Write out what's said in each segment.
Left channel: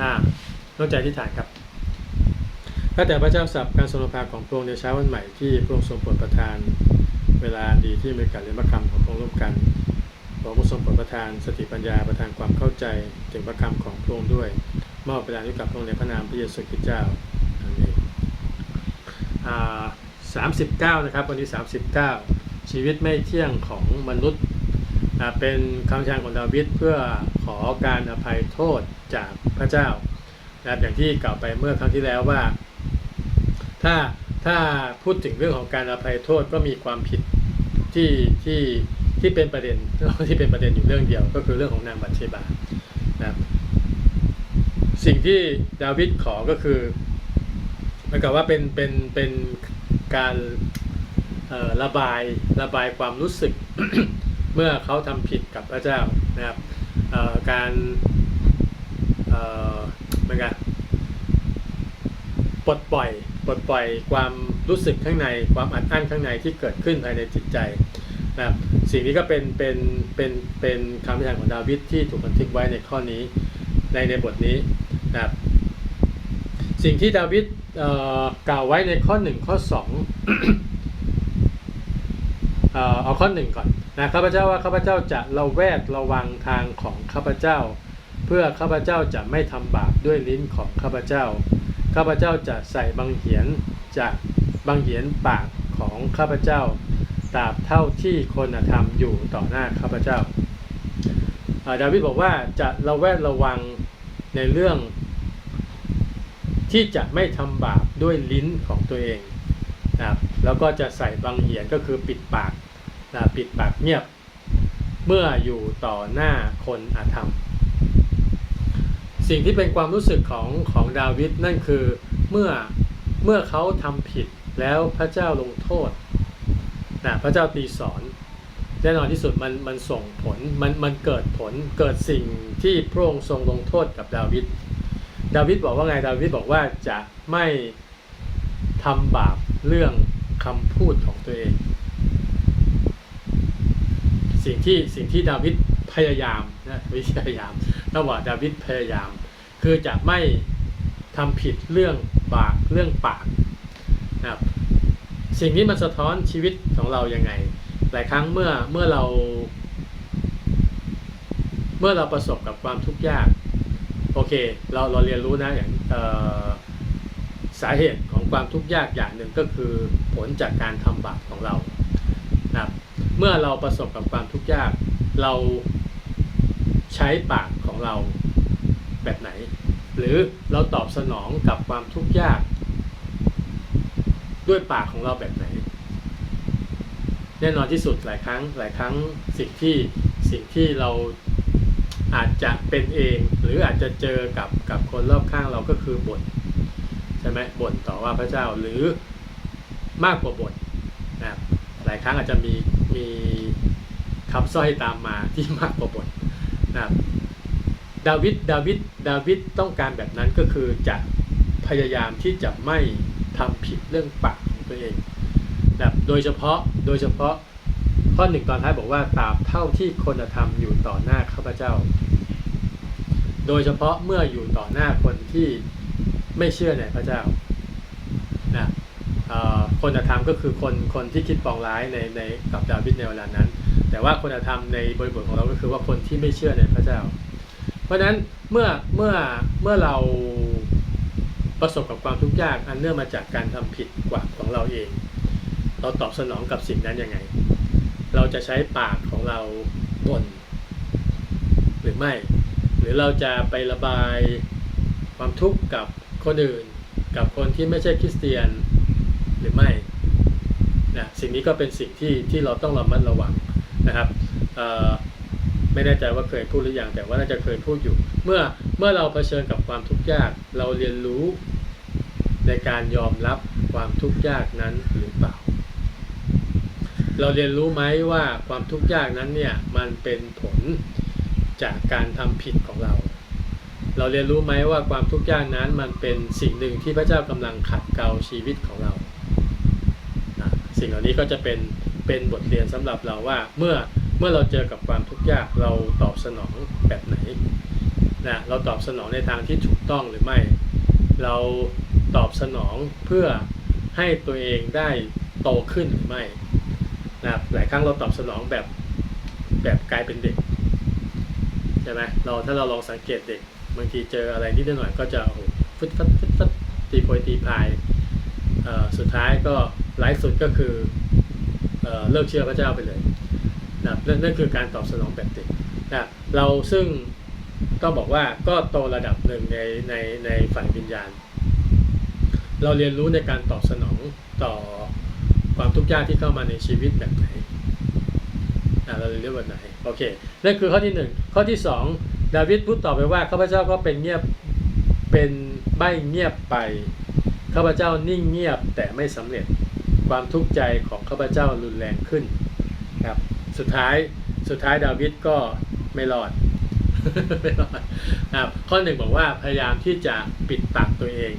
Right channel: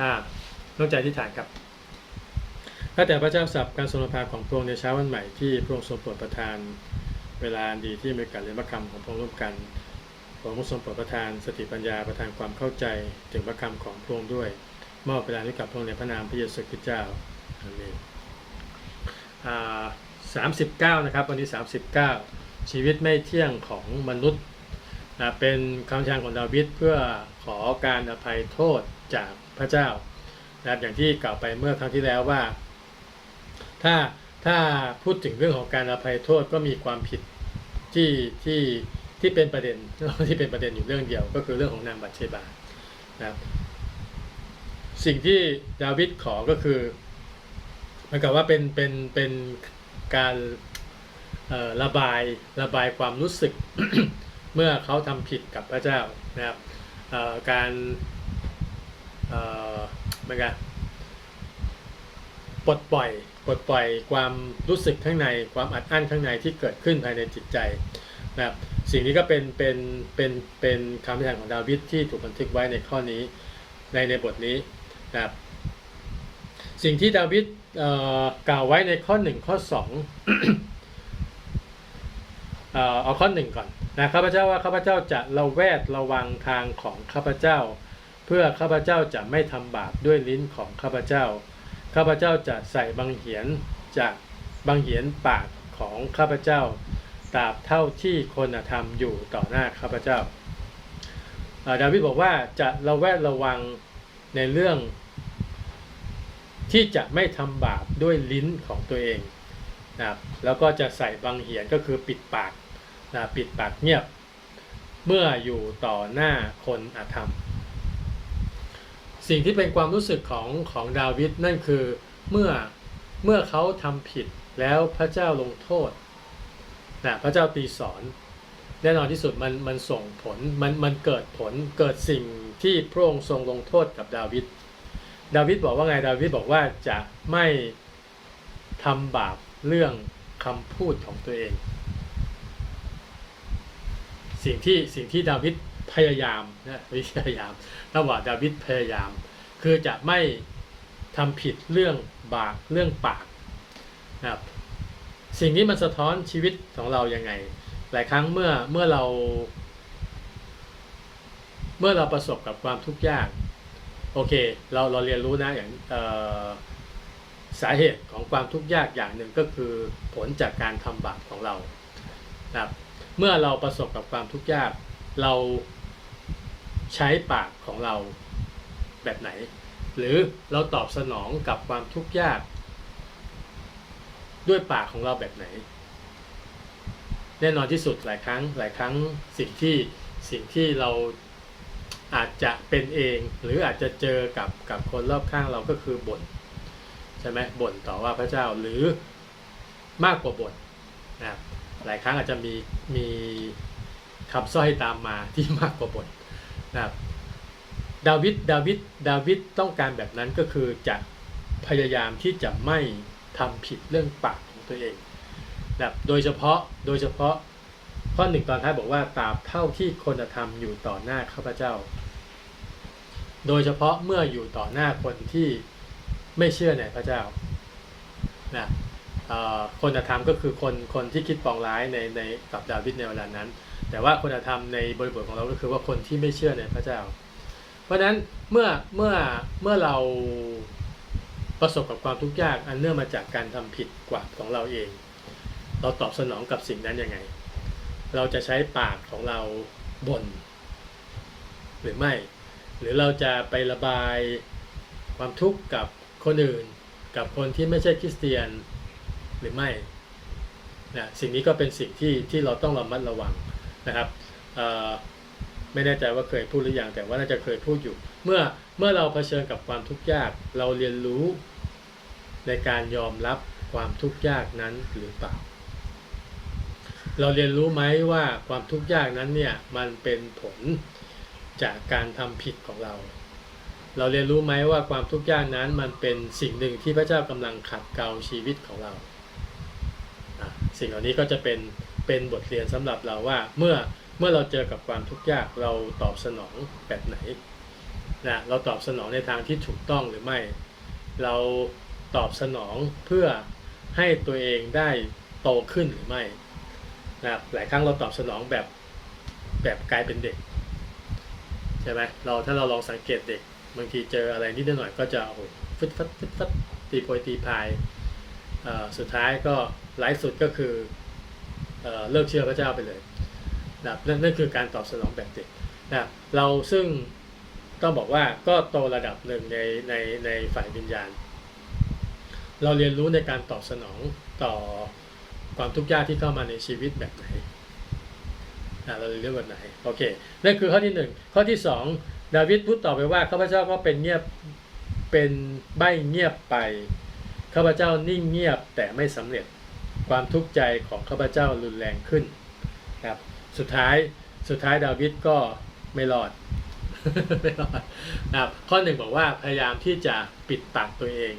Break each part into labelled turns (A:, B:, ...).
A: อ่าต้องใจที่ฐานครับข้าแต่พระเจ้าสับการทรงนำพาของพระองค์ในเช้าวันใหม่ที่พระองค์ทรงโปรดประทานเวลาดีที่มีการเรียนพระคำของพระองค์ร่วมกันพระองค์ทรงโปรดประทานสติปัญญาประทานความเข้าใจถึงพระคำของพระองค์ด้วย มอบเวลาให้กับพระองค์ในพระนามพระเยซูคริสต์เจ้าอาเมนอ่าสามสิบเก้านะครับวันนี้สามสิบเก้าชีวิตไม่เที่ยงของมนุษย์ เป็นคำทานของดาวิดเพื่อขอการอภัยโทษจากพระเจ้านะครับอย่างที่กล่าวไปเมื่อครั้งที่แล้วว่า ถ้าถ้าพูดถึงเรื่องของการอภัยโทษก็มีความผิดที่ที่ที่เป็นประเด็นที่เป็นประเด็นอยู่เรื่องเดียวก็คือเรื่องของนางบัตเชบานะครับสิ่งที่ดาวิดขอก็คือเหมือนกับว่าเป็นเป็นเป็นการระบายระบายความรู้สึก เมื่อเขาทำผิดกับพระเจ้านะครับการเอ่อเหมือนกันปลดปล่อยปลดปล่อยความรู้สึกข้างในความอัดอั้นข้างในที่เกิดขึ้นภายในจิตใจนะครับสิ่งนี้ก็เป็นเป็นเป็นเป็นคำพิพากษาของดาวิดที่ถูกบันทึกไว้ในข้อนี้ในในบทนี้นะครับสิ่งที่ดาวิดกล่าวไว้ในข้อ 1 ข้อ2เอ่อเอาข้อหนึ่งก่อน นะข้าพเจ้าว่าข้าพเจ้าจะระแวดระวังทางของข้าพเจ้า เพื่อข้าพเจ้าจะไม่ทำบาปด้วยลิ้นของข้าพเจ้า ข้าพเจ้าจะใส่บังเหียนจากบังเหียนปากของข้าพเจ้าตราบเท่าที่คนธรรมอยู่ต่อหน้าข้าพเจ้าอ่าดาวิดบอกว่าจะระแวดระวังในเรื่อง ที่จะไม่ทำบาปด้วยลิ้นของตัวเองนะครับแล้วก็จะใส่บังเหียนก็คือปิดปาก นะปิดปากเงียบ เมื่ออยู่ต่อหน้าคนอาธรรม สิ่งที่เป็นความรู้สึกของของดาวิดนั่นคือเมื่อเมื่อเขาทำผิดแล้วพระเจ้าลงโทษนะพระเจ้าตีสอนแน่นอนที่สุดมันมันส่งผลมันมันเกิดผลเกิดสิ่งที่พระองค์ทรงลงโทษกับดาวิดดาวิดบอกว่าไงดาวิดบอกว่าจะไม่ทำบาปเรื่องคำพูดของตัวเอง สิ่งที่สิ่งที่ดาวิดพยายามนะไม่ใช่พยายามระหว่างดาวิดพยายาม คือจะไม่ทำผิดเรื่องบาปเรื่องปากนะครับสิ่งนี้มันสะท้อนชีวิตของเรายังไง หลายครั้งเมื่อเมื่อเรา เมื่อเราประสบกับความทุกข์ยาก โอเค เราเราเรียนรู้นะอย่างสาเหตุของความทุกข์ยากอย่างหนึ่งก็คือผลจากการทำบาปของเรานะครับ มื่อเราประสบกับความทุกข์ยาก เราใช้ปากของเราแบบไหน หรือเราตอบสนองกับความทุกข์ยาก ด้วยปากของเราแบบไหน แน่นอนที่สุดหลายครั้ง หลายครั้งสิ่งที่สิ่งที่เราอาจจะเป็นเอง หรืออาจจะเจอกับกับคนรอบข้างเราก็คือบ่นใช่ไหมบ่นต่อว่าพระเจ้าหรือมากกว่าบ่นนะครับ หลายครั้งอาจจะมีมีคำสร้อยตามมาที่มากกว่าบ่นะครับดาวิดดาวิดดาวิดต้องการแบบนั้นก็คือจะพยายามที่จะไม่ทำผิดเรื่องปากของตัวเองนะครับโดยเฉพาะโดยเฉพาะข้อหนึ่งตอนท้ายบอกว่าตราบเท่าที่คนธรรมอยู่ต่อหน้าข้าพเจ้า โดยเฉพาะเมื่ออยู่ต่อหน้าคนที่ไม่เชื่อในพระเจ้านะ คนธรรมก็คือคนคนที่คิดปองร้ายในในกับดาวิดในเวลานั้น แต่ว่าคนธรรมในบริบทของเราก็คือว่าคนที่ไม่เชื่อในพระเจ้า เพราะฉะนั้นเมื่อเมื่อเมื่อเราประสบกับความทุกข์ยากอันเนื่องมาจากการทำผิดกว่าของเราเอง เราตอบสนองกับสิ่งนั้นยังไง เราจะใช้ปากของเราบ่นหรือไม่ หรือเราจะไประบายความทุกข์กับคนอื่น กับคนที่ไม่ใช่คริสเตียน หรือไม่นะสิ่งนี้ก็เป็นสิ่งที่ที่เราต้องระมัดระวังนะครับไม่แน่ใจว่าเคยพูดหรือยังแต่ว่าน่าจะเคยพูดอยู่ เมื่อเมื่อเราเผชิญกับความทุกข์ยาก เราเรียนรู้ในการยอมรับความทุกข์ยากนั้นหรือเปล่า เราเรียนรู้ไหมว่าความทุกข์ยากนั้นเนี่ยมันเป็นผลจากการทำผิดของเรา เราเรียนรู้ไหมว่าความทุกข์ยากนั้นมันเป็นสิ่งหนึ่งที่พระเจ้ากำลังขัดเกลาชีวิตของเรา สิ่งเหล่านี้ก็จะเป็นเป็นบทเรียนสำหรับเราว่าเมื่อเมื่อเราเจอกับความทุกข์ยากเราตอบสนองแบบไหนนะเราตอบสนองในทางที่ถูกต้องหรือไม่ เราตอบสนองเพื่อให้ตัวเองได้โตขึ้นหรือไม่นะหลายครั้งเราตอบสนองแบบแบบกลายเป็นเด็กใช่ไหมเราถ้าเราลองสังเกตเด็ก บางทีเจออะไรนิดหน่อยก็จะโอ้โหฟึดฟัดฟึดฟัดตีโพยตีพาย สุดท้ายก็ไลฟ์สุดก็คือเอเลิกเชื่อพระเจ้าไปเลยนะนั่นนั่นคือการตอบสนองแบบเด็กนะเราซึ่งต้องบอกว่าก็โตระดับหนึ่งในในในฝ่ายวิญญาณ เราเรียนรู้ในการตอบสนองต่อความทุกข์ยากที่เข้ามาในชีวิตแบบไหนอะเราเรียกว่าไหนโอเคนั่นคือข้อที่หนึ่งข้อที่สองดาวิดพูดต่อไปว่าข้าพเจ้าก็เป็นเงียบเป็นใบเงียบไป ข้าพเจ้านิ่งเงียบแต่ไม่สำเร็จความทุกข์ใจของข้าพเจ้ารุนแรงขึ้นครับสุดท้ายสุดท้ายดาวิดก็ไม่รอดไม่รอดนะครับข้อหนึ่งบอกว่าพยายามที่จะปิดปากตัวเอง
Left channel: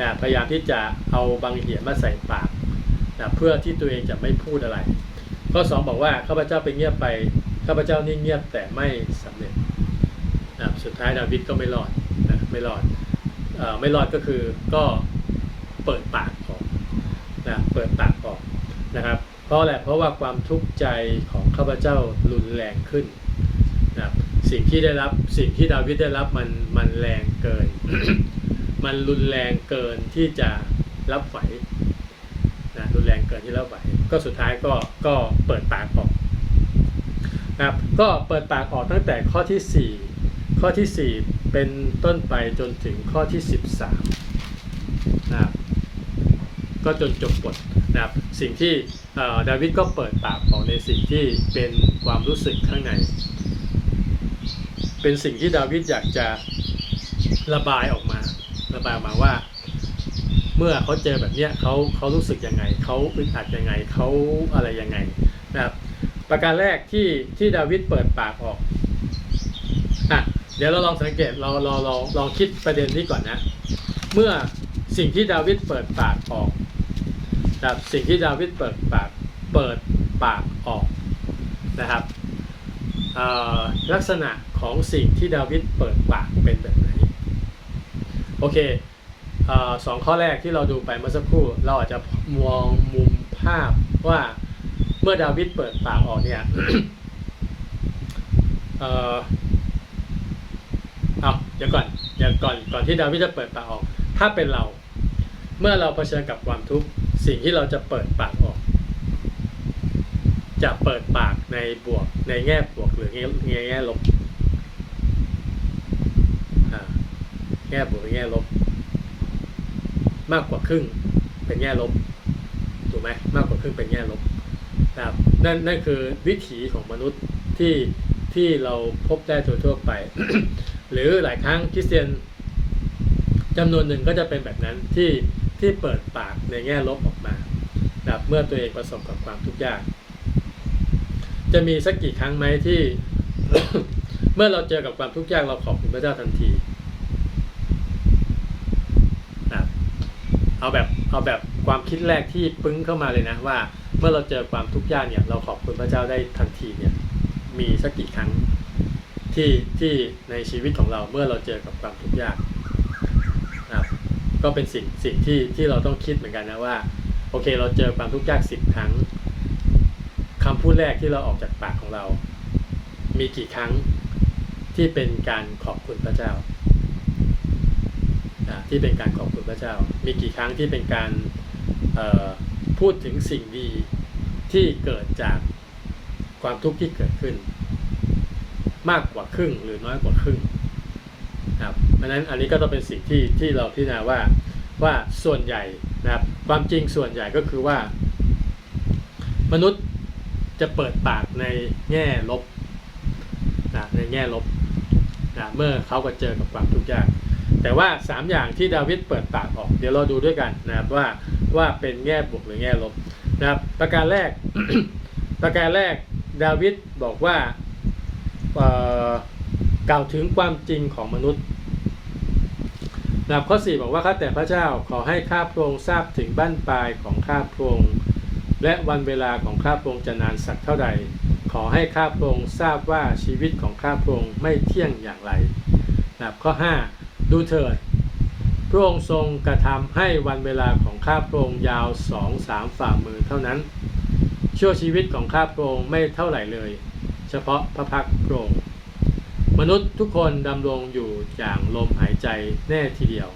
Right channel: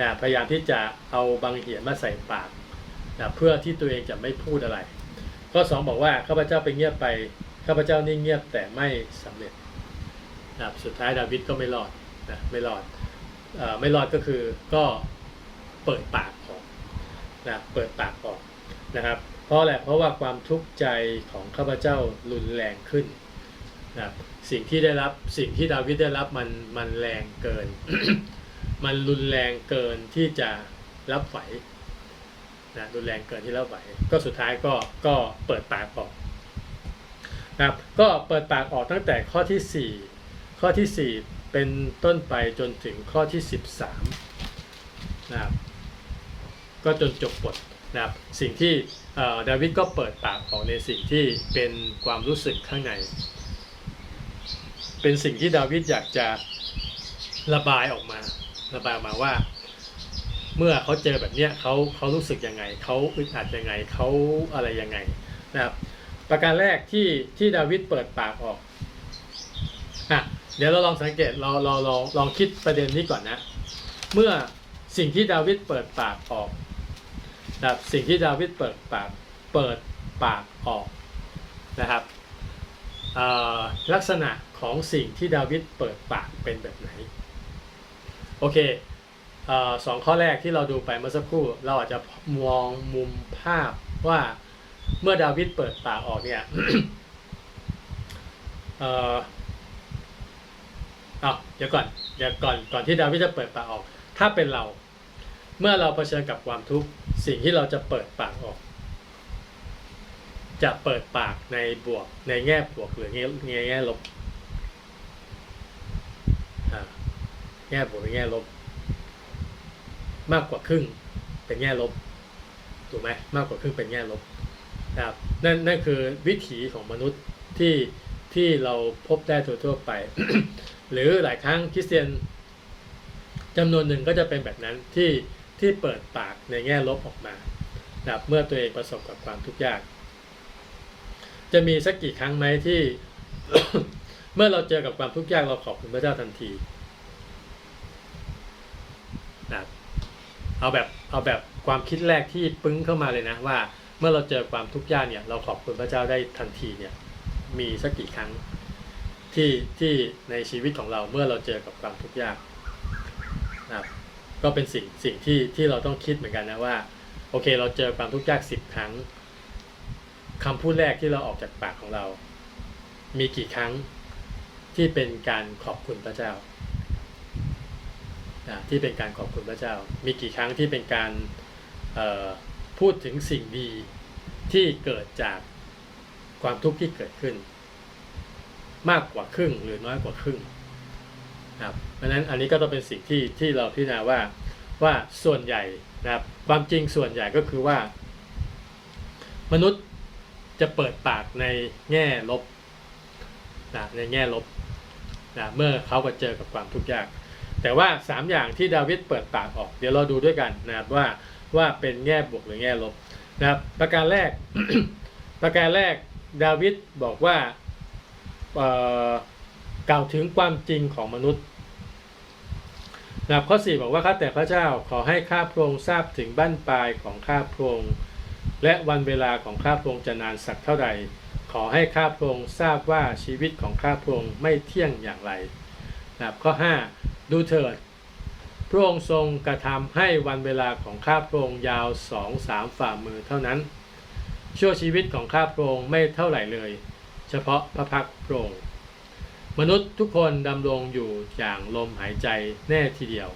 A: นะพยายามที่จะเอาบางเหียนมาใส่ปากนะเพื่อที่ตัวเองจะไม่พูดอะไร ข้อสองบอกว่าข้าพเจ้าไปเงียบไปข้าพเจ้านิ่งเงียบแต่ไม่สำเร็จนะสุดท้ายดาวิดก็ไม่รอดนะไม่รอดอไม่รอดก็คือก็ เปิดปากออกนะเปิดปากออกนะครับ เพราะอะไรเพราะว่าความทุกข์ใจของข้าพเจ้ารุนแรงขึ้นนะสิ่งที่ได้รับสิ่งที่ดาวิดได้รับมันมันแรงเกิน มันรุนแรงเกินที่จะรับไหวนะรุนแรงเกินที่รับไหว ก็สุดท้ายก็ก็เปิดปากออกนะครับก็เปิดปากออกตั้งแต่ข้อที่ 4 ข้อทีสี่4 เป็นต้นไปจนถึงข้อที่ 13นะครับ ก็จนจบบทนะครับสิ่งที่เดาวิดก็เปิดปากออกในสิ่งที่เป็นความรู้สึกข้างใน เป็นสิ่งที่ดาวิดอยากจะระบายออกมา ระบายออกมาว่า เมื่อเขาเจอแบบเนี้ยเขาเขารู้สึกยังไงเขาอึดอัดยังไงเขาอะไรยังไงนะครับประการแรกที่ที่ดาวิดเปิดปากออกอะเดี๋ยวเราลองสังเกตเราเราลองลองคิดประเด็นนี้ก่อนนะ เมื่อสิ่งที่ดาวิดเปิดปากออก นะครับสิ่งที่ดาวิดเปิดปากเปิดปากออกนะครับลักษณะของสิ่งที่ดาวิดเปิดปากเป็นแบบไหนโอเคเออสองข้อแรกที่เราดูไปเมื่อสักครู่ เราอาจจะมองมุมภาพว่าเมื่อดาวิดเปิดปากออกเนี่ยเอาเดี๋ยวก่อนเดี๋ยวก่อนก่อนที่ดาวิดจะเปิดปากออก ถ้าเป็นเรา เมื่อเราเผชิญกับความทุกข์ สิ่งที่เราจะเปิดปากออก จะเปิดปากในบวกในแง่บวกหรือแง่แง่ลบแง่บวกหรือแง่ลบ มากกว่าครึ่งเป็นแง่ลบถูกไหมมากกว่าครึ่งเป็นแง่ลบนะครับนั่นนั่นคือวิถีของมนุษย์ที่ที่เราพบได้ทั่วๆไป หรือหลายครั้งคริสเตียนจำนวนหนึ่งก็จะเป็นแบบนั้นที่ ที่เปิดปากในแง่ลบออกมานะครับเมื่อตัวเองประสบกับความทุกข์ยาก จะมีสักกี่ครั้งไหมที่ เมื่อเราเจอกับความทุกข์ยากเราขอบคุณพระเจ้าทันทีนะครับเอาแบบเอาแบบความคิดแรกที่ปึ้งเข้ามาเลยนะว่า เมื่อเราเจอความทุกข์ยากเนี่ย เราขอบคุณพระเจ้าได้ทันทีเนี่ย มีสักกี่ครั้งที่ที่ในชีวิตของเราเมื่อเราเจอกับความทุกข์ยากนะครับ ก็เป็นสิ่งสิ่งที่ที่เราต้องคิดเหมือนกันนะว่า โอเคเราเจอความทุกข์ยากสิบครั้งคำพูดแรกที่เราออกจากปากของเรา มีกี่ครั้งที่เป็นการขอบคุณพระเจ้าที่เป็นการขอบคุณพระเจ้า มีกี่ครั้งที่เป็นการพูดถึงสิ่งดีที่เกิดจากความทุกข์ที่เกิดขึ้น มากกว่าครึ่งหรือน้อยกว่าครึ่ง ครับเพราะฉะนั้นอันนี้ก็ต้องเป็นสิ่งที่ที่เราพิจารณาว่าว่าส่วนใหญ่นะครับความจริงส่วนใหญ่ก็คือว่า มนุษย์จะเปิดปากในแง่ลบนะในแง่ลบนะเมื่อเขาก็เจอกับความทุกข์ยาก แต่ว่าสามอย่างที่ดาวิดเปิดปากออก เดี๋ยวเราดูด้วยกันนะครับว่าว่าเป็นแง่บวกหรือแง่ลบนะครับ ประการแรก ประการแรกดาวิดบอกว่า กล่าวถึงความจริงของมนุษย์นะครับข้อ 4 บอกว่าข้าแต่พระเจ้าขอให้ข้าพระองค์ทราบถึงบั้นปลายของข้าพระองค์และวันเวลาของข้าพระองค์จะนานสักเท่าใด ขอให้ข้าพระองค์ทราบว่าชีวิตของข้าพระองค์ไม่เที่ยงอย่างไรนะครับข้อ 5 ดูเถิด พระองค์ทรงกระทำให้วันเวลาของข้าพระองค์ยาวสองสามฝ่ามือเท่านั้น ชั่วชีวิตของข้าพระองค์ไม่เท่าไหร่เลย เฉพาะพระพักตร์พระองค์ มนุษย์ทุกคนดำรงอยู่อย่างลมหายใจแน่ทีเดียว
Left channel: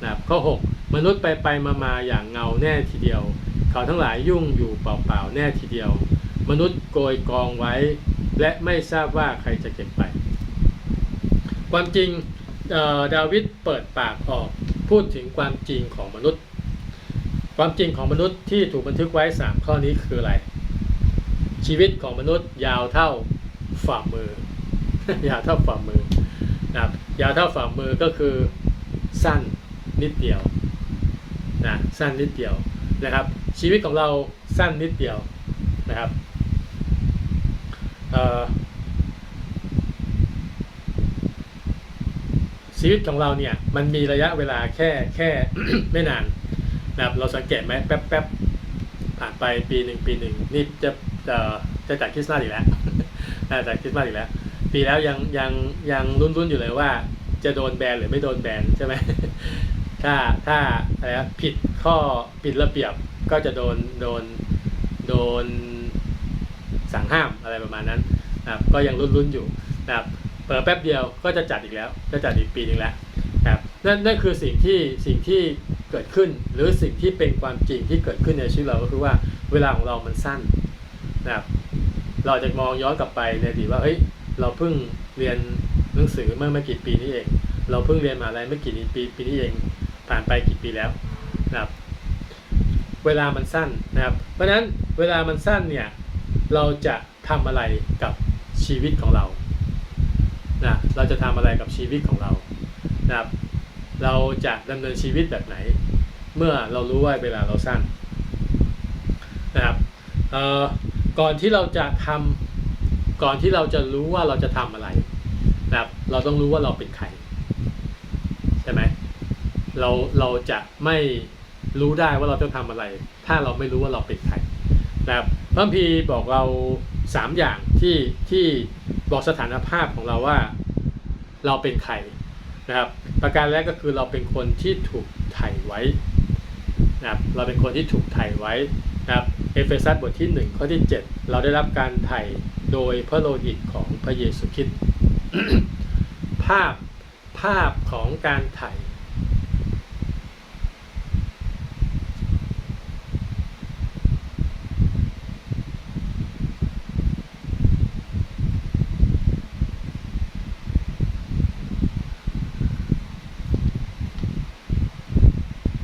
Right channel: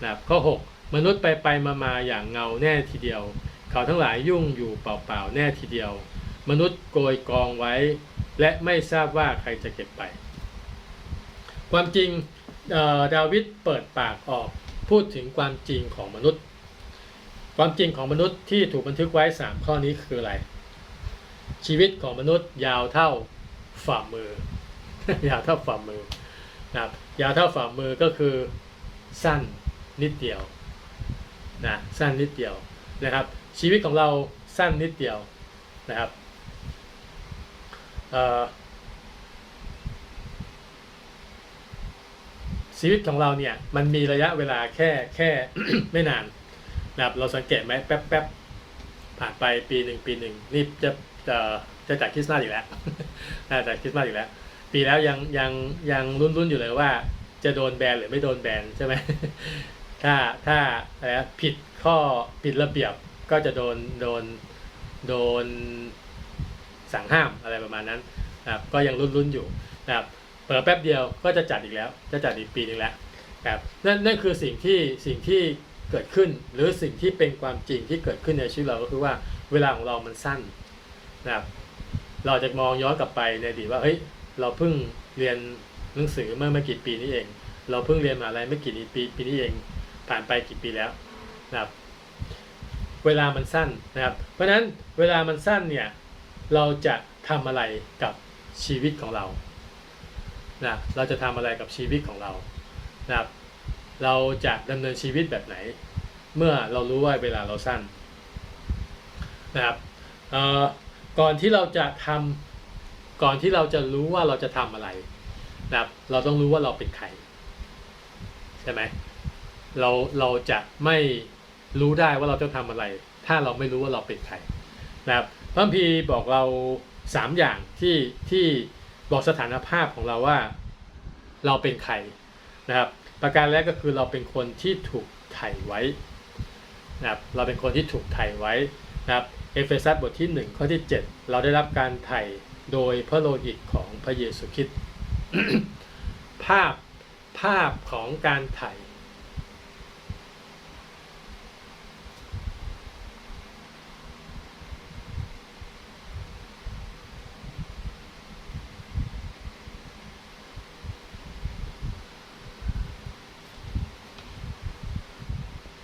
A: นะครับข้อ 6 มนุษย์ไปไปมามาอย่างเงาแน่ทีเดียว เขาทั้งหลายยุ่งอยู่เปล่าๆแน่ทีเดียว มนุษย์โกยกองไว้ และไม่ทราบว่าใครจะเก็บไป ความจริงเดาวิดเปิดปากออกพูดถึงความจริงของมนุษย์ ความจริงของมนุษย์ที่ถูกบันทึกไว้ 3 ข้อนี้คืออะไร ชีวิตของมนุษย์ยาวเท่าฝ่ามือ ยาวเท่าฝ่ามือนะครับยาวเท่าฝ่ามือก็คือสั้นนิดเดียวนะสั้นนิดเดียวนะครับ ชีวิตของเราสั้นนิดเดียวนะครับชีวิตของเราเนี่ยมันมีระยะเวลาแค่แค่ไม่นานนะครับเราสังเกตไหมแป๊บแป๊บผ่านไปปีหนึ่งปีหนึ่งนี่จะจะจะจัดคริสต์มาสอีกแล้วน่าจะจัดคริสต์มาสอีกแล้ว ปีแล้วยังยังยังรุ่นรุ่นอยู่เลยว่า จะโดนแบนหรือไม่โดนแบนใช่ไหมถ้าถ้าอะไรนะผิดข้อผิดระเบียบก็จะโดนโดนโดนสั่งห้ามอะไรประมาณนั้นนะครับก็ยังรุ่นๆอยู่นะครับเปิดแป๊บเดียวก็จะจัดอีกแล้ว จะจัดอีกปีนึงแล้วนะครับนั่นนั่นคือสิ่งที่สิ่งที่เกิดขึ้น หรือสิ่งที่เป็นความจริงที่เกิดขึ้นในชีวิตเราก็คือว่าเวลาของเรามันสั้นนะครับเราจะมองย้อนกลับไปในอดีตว่าเฮ้ย เราเพิ่งเรียนหนังสือเมื่อไม่กี่ปีนี้เอง เราเพิ่งเรียนมหาลัยไม่กี่ปีปีนี้เอง ผ่านไปกี่ปีแล้วนะครับเวลามันสั้นนะครับ เพราะฉะนั้นเวลามันสั้นเนี่ยเราจะทำอะไรกับชีวิตของเรานะเราจะทำอะไรกับชีวิตของเรานะครับ เราจะดำเนินชีวิตแบบไหน เมื่อเรารู้ว่าเวลาเราสั้นนะครับก่อนที่เราจะทำ ก่อนที่เราจะรู้ว่าเราจะทำอะไรนะครับเราต้องรู้ว่าเราเป็นใครใช่ไหมเราเราจะไม่รู้ได้ว่าเราต้องทำอะไร ถ้าเราไม่รู้ว่าเราเป็นใครนะครับพระคัมภีบอกเราสามอย่างที่ที่บอกสถานภาพของเราว่าเราเป็นใครนะครับ ประการแรกก็คือเราเป็นคนที่ถูกไถ่ไว้นะครับเราเป็นคนที่ถูกไถ่ไว้ นะครับเอเฟซัสบทที่ 1 ข้อที่ 7 เราได้รับการไถ่โดยพระโลหิตของพระเยซูคริสต์ภาพภาพของการไถ่